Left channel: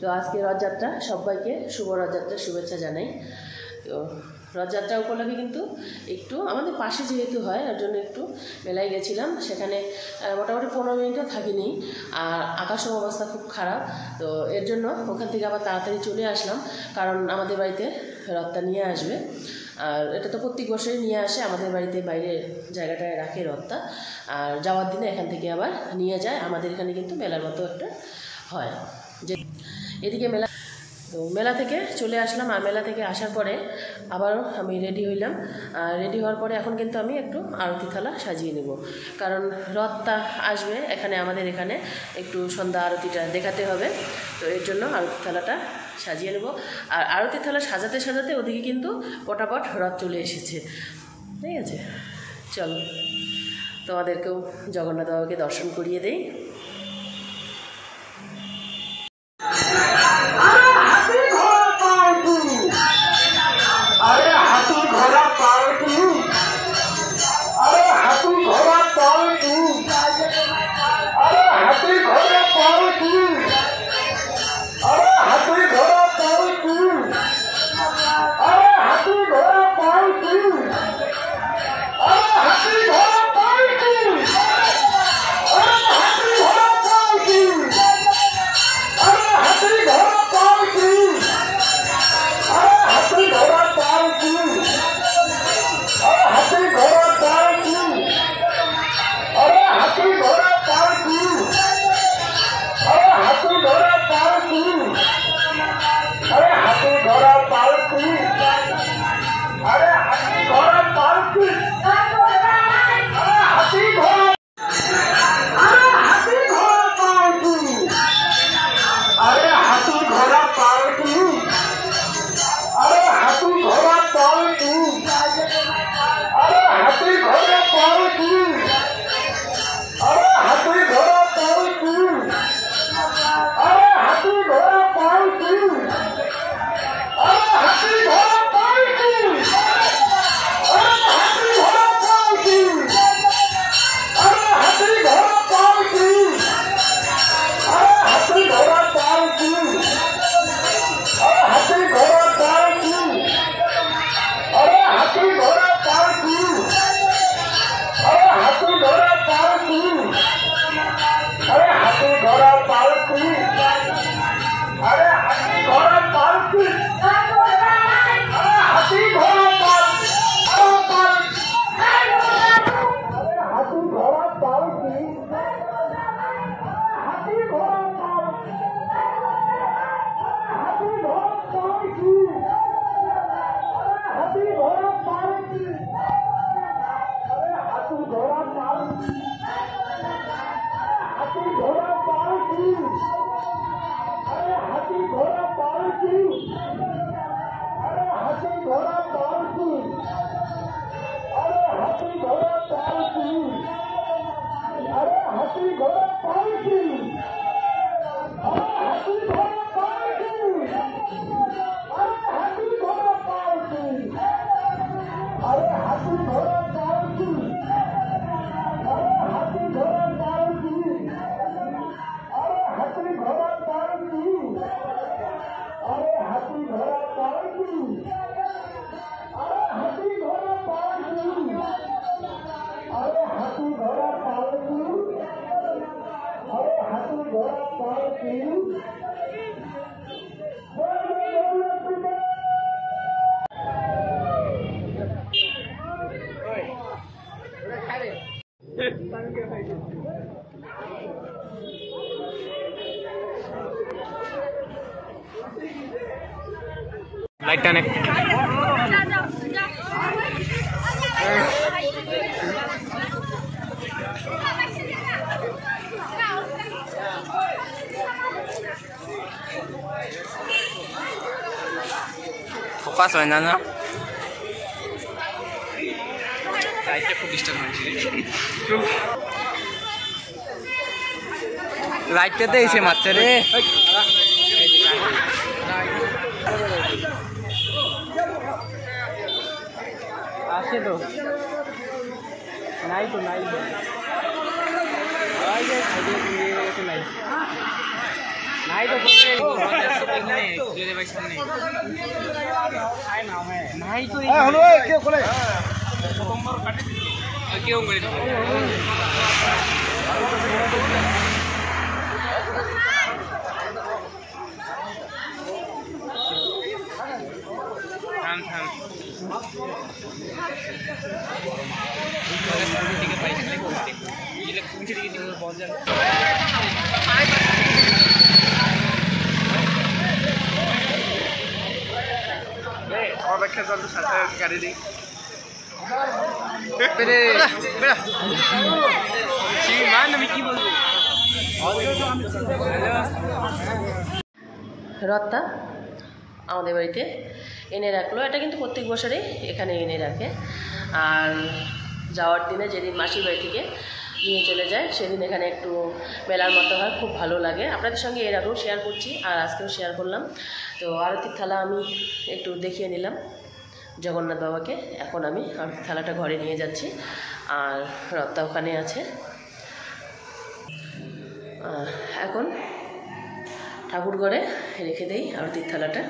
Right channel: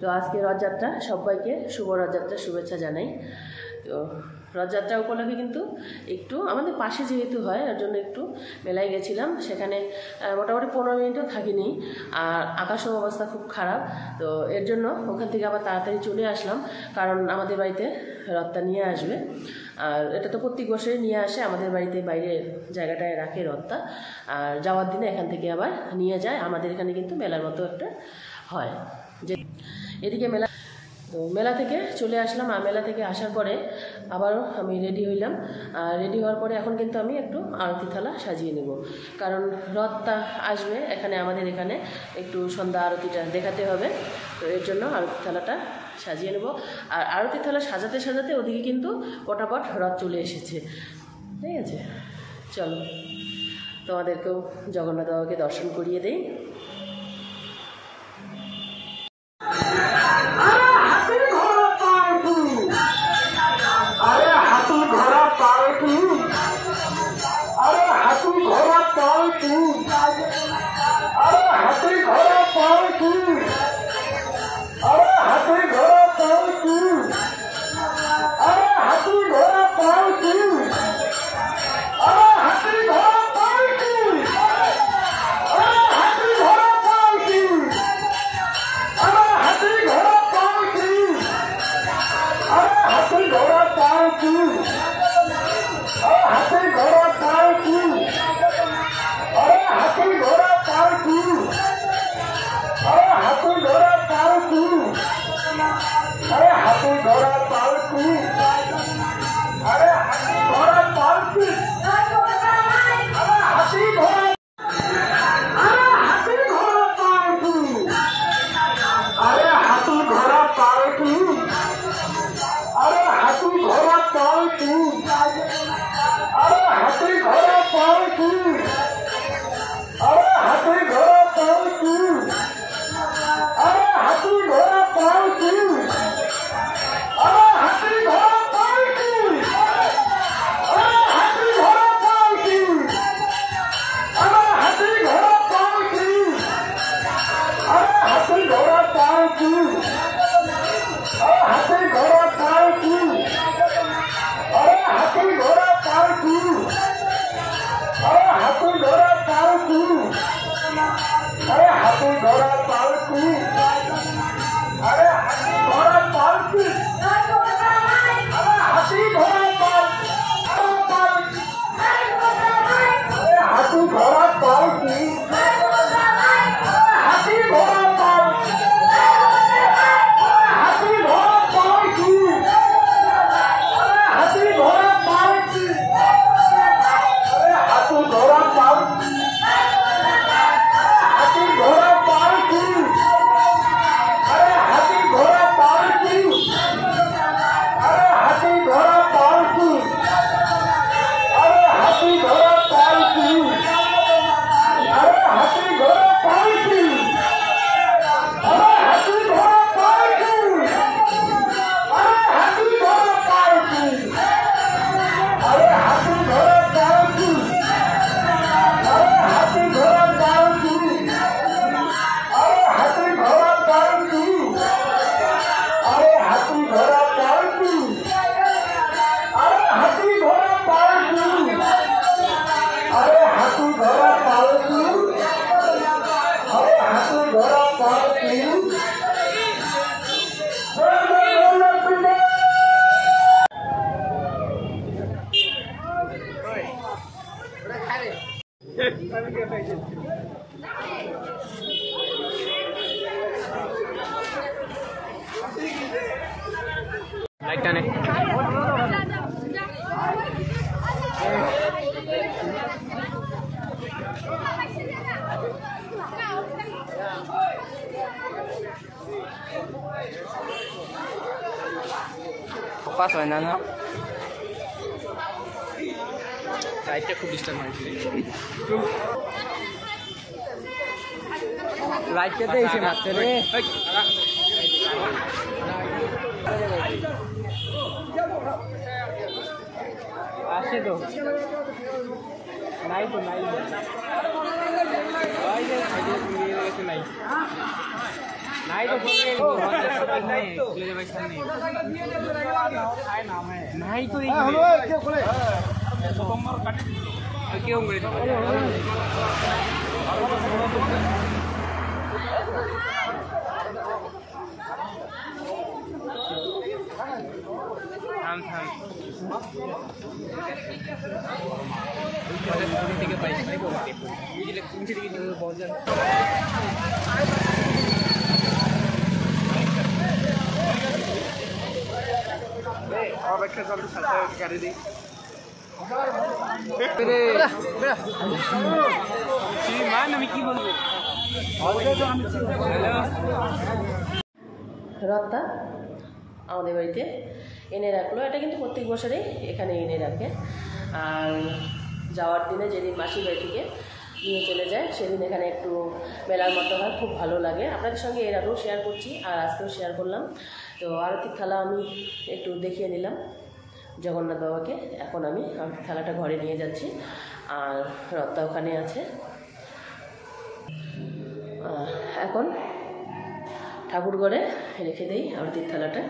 তো আজকে রথযাত্রা, সবাইকে শুভ রথযাত্রার শুভেচ্ছা জানাই। তো রথযাত্রা উপলক্ষে কিন্তু একটু আমাদের পাশে যেহেতু হয়, এর জন্য একটু মেলায় গেছিলাম। সেখানে মোটামুটি 15 মিনিটও থাকিনি, আর আকাশের অবস্থা খুব খারাপ। তো এর জন্য ওখান থেকে আবার তাড়াতাড়ি চলে আসলাম, কারণ আমাদের বাড়িতে রথটা নিয়ে আসবে। আর এটা তো প্রত্যেক বছরই নিয়ে আসে আমাদের বাড়িতে, বাইরের জায়গাটায় রাখে রথটা, আর যাওয়ার দিনে এখান থেকে আবার নিয়ে যায়। আমাদের এখানে কিন্তু মেলার মতো একটা হয়, যে এদিকে মেলা। তো মেলা থেকে চলে আসলাম, আর মেলা থেকে আসার পরে আবারও আমি রেডি হইলাম। আর রেডি হওয়ার পরে এখন কিন্তু আমি একটু আরতি থালা সাজিয়ে নেব, কারণ রথটা আসবে এখানে, আমাদের এখানে একটু সন্ধ্যা আরতিটা দেখাতে হবে। তো এর জন্য আরতি থালাটা সাজিয়ে নেব। আর আরতি থালা সাজাতে সাজাতে ওদিকে কিন্তু পটাপট রথ চলে এসেছে। ঠিক আছে, চলো তোমাদেরকেও জগন্নাথ বাবাকে দর্শন করিয়ে দেই। লাইটটা অনেক ফোকাস হয় না, লাইটটা খুব ডিস্টার্ব হয়েছে। লাইটটাতে এসে মারছে রে। আসে তো নাই, তো নাই নাই। নাই তো বলবে এখানে খুলে দেবে সামনে নাই তো হলো কে খুলে কেউ করে দাও অপেক্ষা চলতে সাথে গাড়ি দিই আমি কি বলবো রথটা আমাদের বাড়িতে এনে রাখলো। এটা কিন্তু প্রত্যেক বছরেই এখানে এনে রাখে। আর যাওয়ার দিনে যেদিন মাসির বাড়ি থেকে নিয়ে চলে যায় সেদিন এখানে একটু মেলার মতো হয়, খুব ভালো লাগে। আপনাদের সঙ্গে এর আগেও শেয়ার করছি আর আজকেও শেয়ার করলাম। তো আরতির থালা আমি একটু দেখিয়ে নিলাম জগন্নাথ বাবাকে। এখন আমি আরতির থালাটা ঘরে নিয়ে যাচ্ছি আর রথটা ওখানে আছে। এখন ঠাকুর ঘরে রেখে দেই আরতির থালাটা।